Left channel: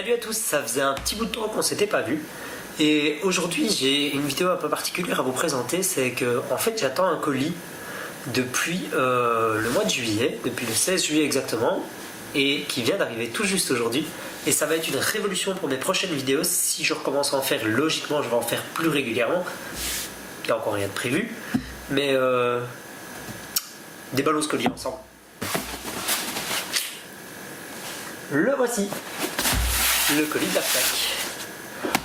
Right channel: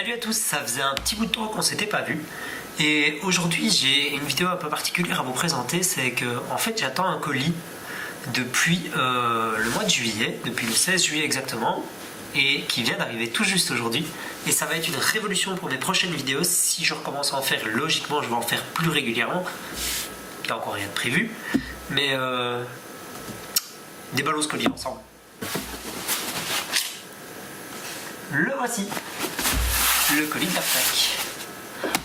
Salut à tous, ça faisait un petit bout de temps qu'on s'était pas vu. Et aujourd'hui j'ai une vidéo un peu particulière à vous présenter, c'est que en fait j'attends un colis depuis le mois de juillet, depuis le 16 juillet exactement, et qui vient d'arriver tout juste aujourd'hui. Et ça va être une révolution pour mes prochaines vidéos. Si je recommence à en faire, logiquement je vais en faire plus régulièrement. Il n'y a encore rien de prévu, mais des ballons colis ensemble. Le voici, le colis de la Fnac.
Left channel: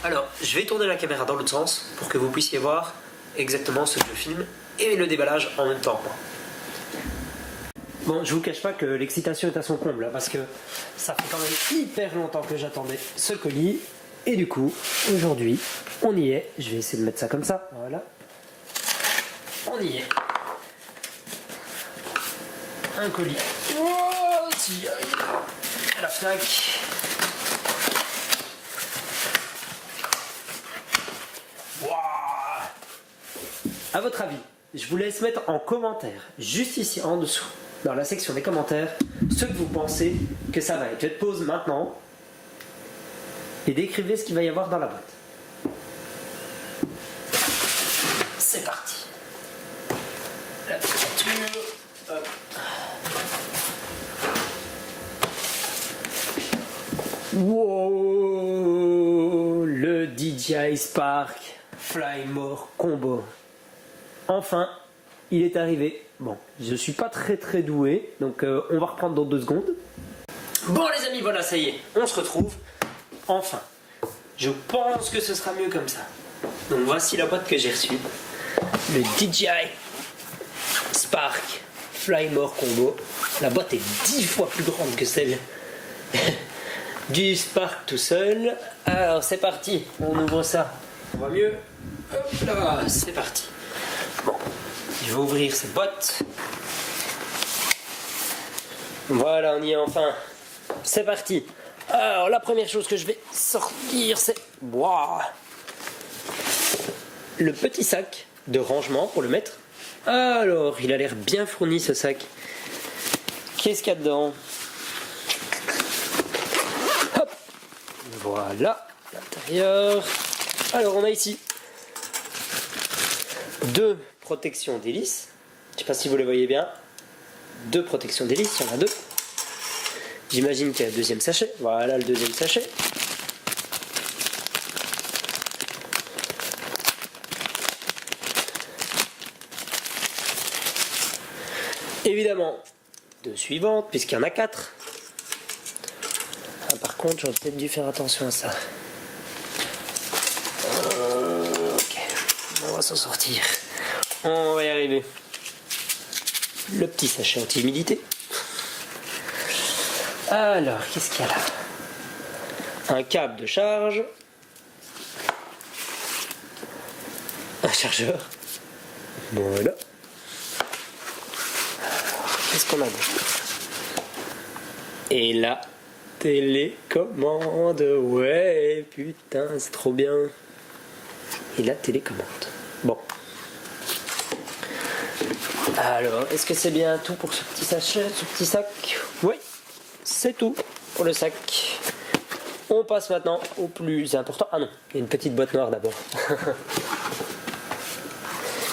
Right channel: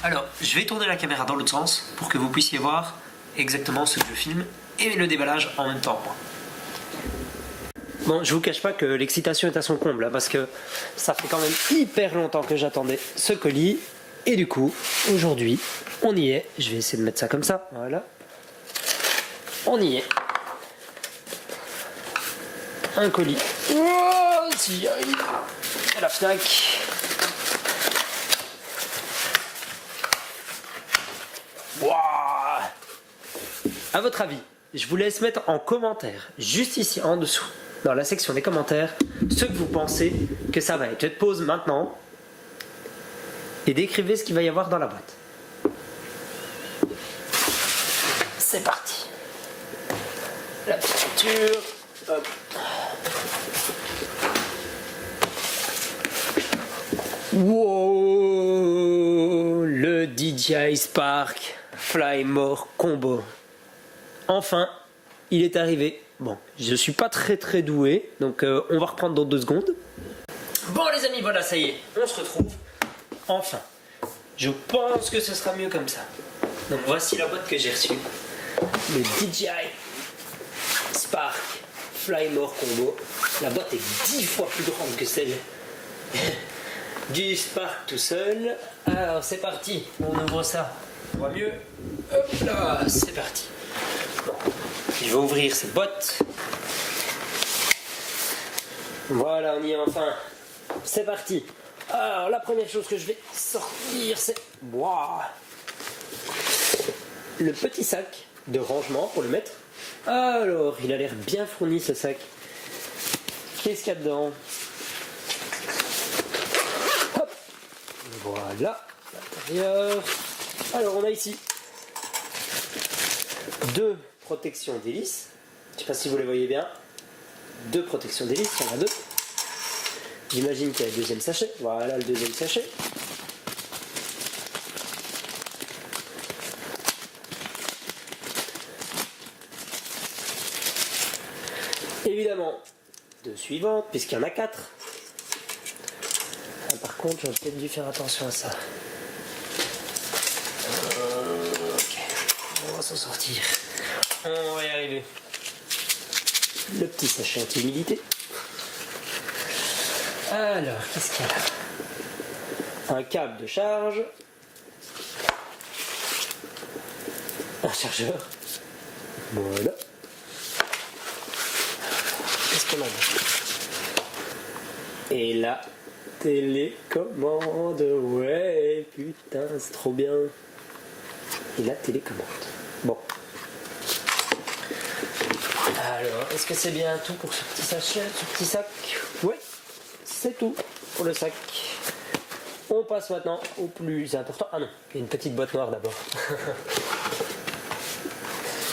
Alors, je vais tourner la caméra dans l'autre sens pour que vous puissiez voir exactement ce que je filme et le déballage en même temps. Bon, je vous cache pas que l'excitation est à son comble, hein, parce que ça fait quand même hyper longtemps que j'attendais ce colis. Et du coup, aujourd'hui, on y est. Je vais essayer de mettre ça comme ça, voilà. On y est. Un colis. Oh, si j'y arrive. À la Fnac. A votre avis, je vous laisse mettre en commentaire, juste ici en dessous, dans la section des commentaires, ce que vous pensez que ça va être. Faites pause maintenant et décrivez ce qu'il va y avoir dans la boîte. C'est parti. La petite facture. Hop. Wow, le DJI Spark Flymore Combo. Enfin, il est arrivé. Bon, je suis pas très doué, donc on va reprendre dans 2 secondes. Bon les amis, voilà, ça y est, on se retrouve. Enfin, je pense que ce sera mieux comme ça. Donc voici la boîte que j'ai reçue. Le DJI Spark Flymore Combo. La boîte est 10 fois plus grande que celle du Spark tout seul. Alors c'est parti, on ouvre ça. On voit mieux. Hop là, c'est parti. Bon, je vais ouvrir cette boîte. Voilà, on y est enfin. C'est parti. Alors, la première chose que je vais sortir, c'est... Waouh, le petit sac de rangement pour le mettre. Alors, il a l'air bien fourni ce sac. Qu'est-ce qu'il y a dedans? Hop. Voilà, l'intérieur. Alors, on a ici 2 protections d'hélice. Je ne sais pas si vous le voyez bien. 2 protections d'hélice, il y en a 2. J'imagine qu'il y a le deuxième sachet. Voilà le deuxième sachet. Évidemment, 2 suivantes, puisqu'il y en a 4. Ah, par contre, j'aurais peut-être dû faire attention à ça. Ok, on va s'en sortir. On va y arriver. Le petit sachet anti-humidité. Alors, qu'est-ce qu'il y a là? Un câble de charge. Un chargeur. Voilà. Qu'est-ce qu'on a d'autre? Et la télécommande. Ouais, putain, c'est trop bien. Et la télécommande. Bon. Alors, est-ce que c'est bien tout pour ce petit sachet, ce petit sac? Oui, c'est tout pour le sac. On passe maintenant au plus important. Ah non, il y a une petite boîte noire d'abord.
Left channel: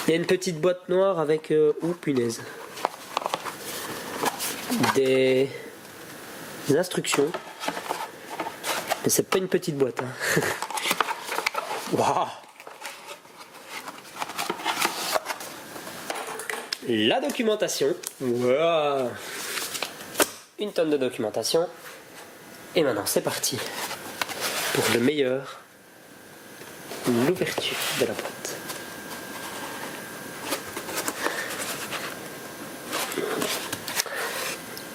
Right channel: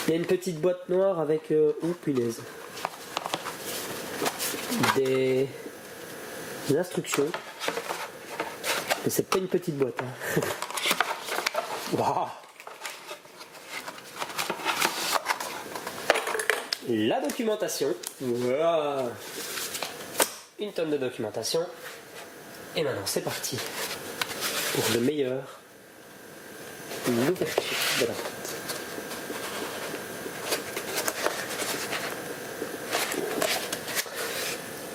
Il y a une petite boîte noire avec... oh punaise. Des instructions. Mais c'est pas une petite boîte. Hein. Wow. La documentation. Wow. Une tonne de documentation. Et maintenant c'est parti pour le meilleur, l'ouverture de la boîte.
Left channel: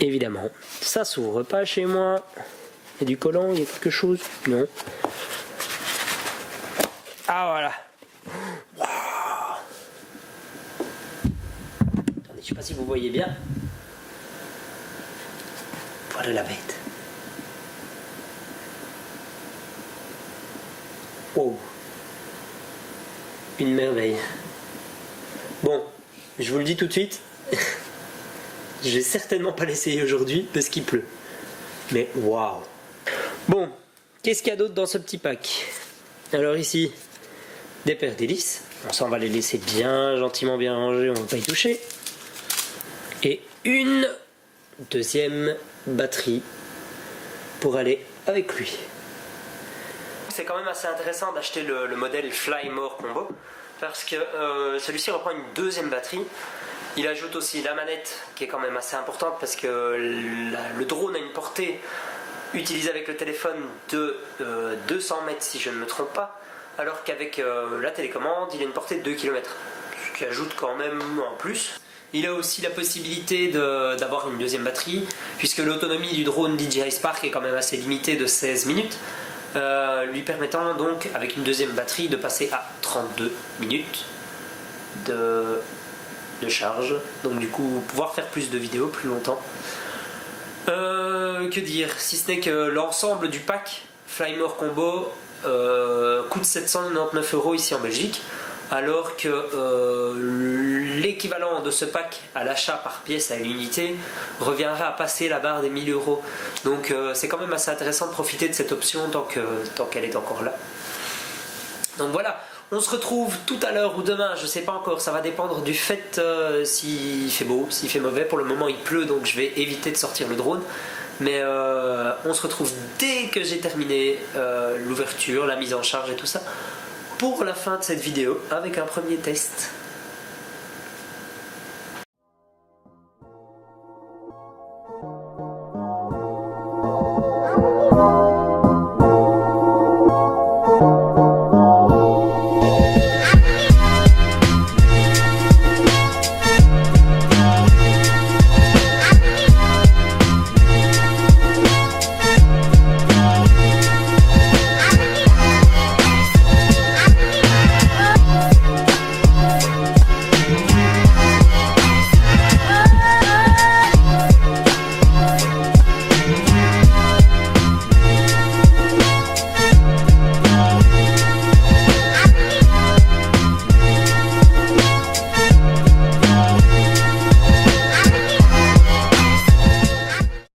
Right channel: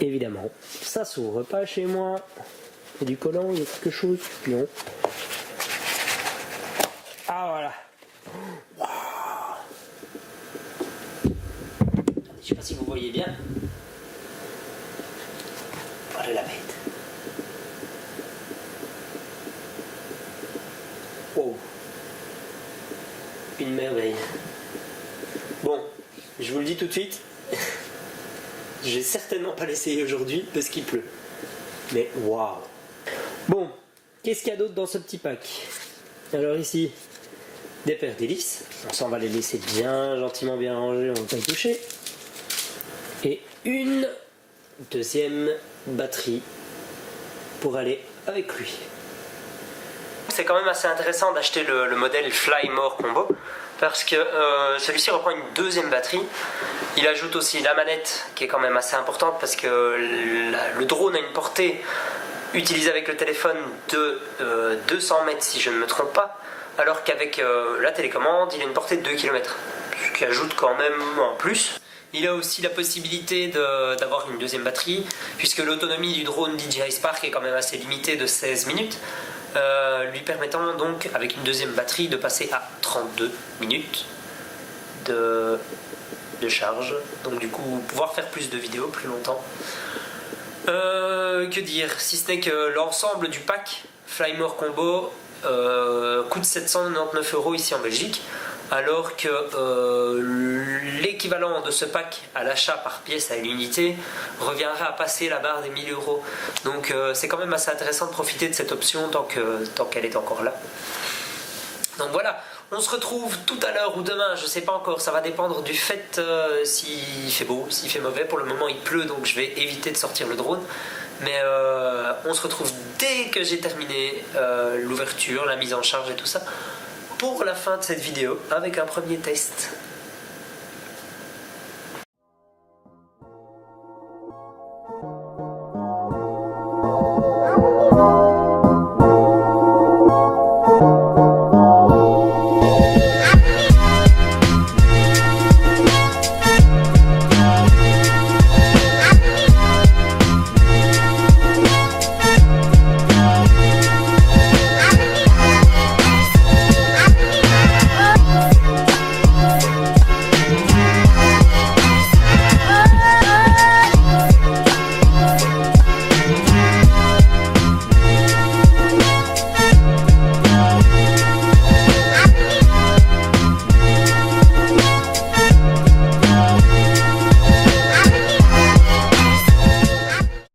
Évidemment, ça s'ouvre pas chez moi. Il y a du collant, il y a quelque chose? Non. Ah voilà. Je sais pas si vous voyez bien. Voilà la bête. Oh. Une merveille. Bon, je vous le dis tout de suite. Je vais certainement pas l'essayer aujourd'hui parce qu'il pleut. Mais waouh. Bon, qu'est-ce qu'il y a d'autre dans ce petit pack? Alors ici, des paires d'hélices. Bon, ça on va les laisser bien gentiment bien rangées, on va pas y toucher. Et une deuxième batterie pour aller avec lui. C'est quand même assez intéressant d'acheter le modèle Fly More Combo parce que celui-ci reprend une deuxième batterie. Il ajoute aussi la manette qui est quand même assez importante parce que le drone a une portée utilisée avec le téléphone de 200 mètres si je ne me trompe pas, alors qu'avec la télécommande il a une portée de 2 km, ce qui ajoute quand même un plus. Il a aussi la possibilité d'avoir une deuxième batterie puisque l'autonomie du drone DJI Spark est quand même assez limitée de 16 minutes. Lui permettant donc avec une deuxième batterie de passer à 32 minutes de charge, donc du coup pouvoir faire plus de vidéos plus longtemps. Que dire, si ce n'est que l'ensemble du pack Fly More Combo coûte 799 € ici en Belgique, alors que l'équivalent de ce pack à l'achat par pièce à l'unité reviendrait à passer la barre des 1000 €. Donc c'est quand même assez intéressant de profiter de cette option tant qu'elle est encore là. Donc voilà, on se retrouve tout à l'heure ou demain, je sais pas encore, ça va dépendre du fait s'il fait beau, s'il fait mauvais. Pour le moment il pleut, donc je vais éviter de sortir le drone. Mais on se retrouve dès que j'ai terminé l'ouverture, la mise en charge et tout ça, pour la fin de cette vidéo avec un premier test.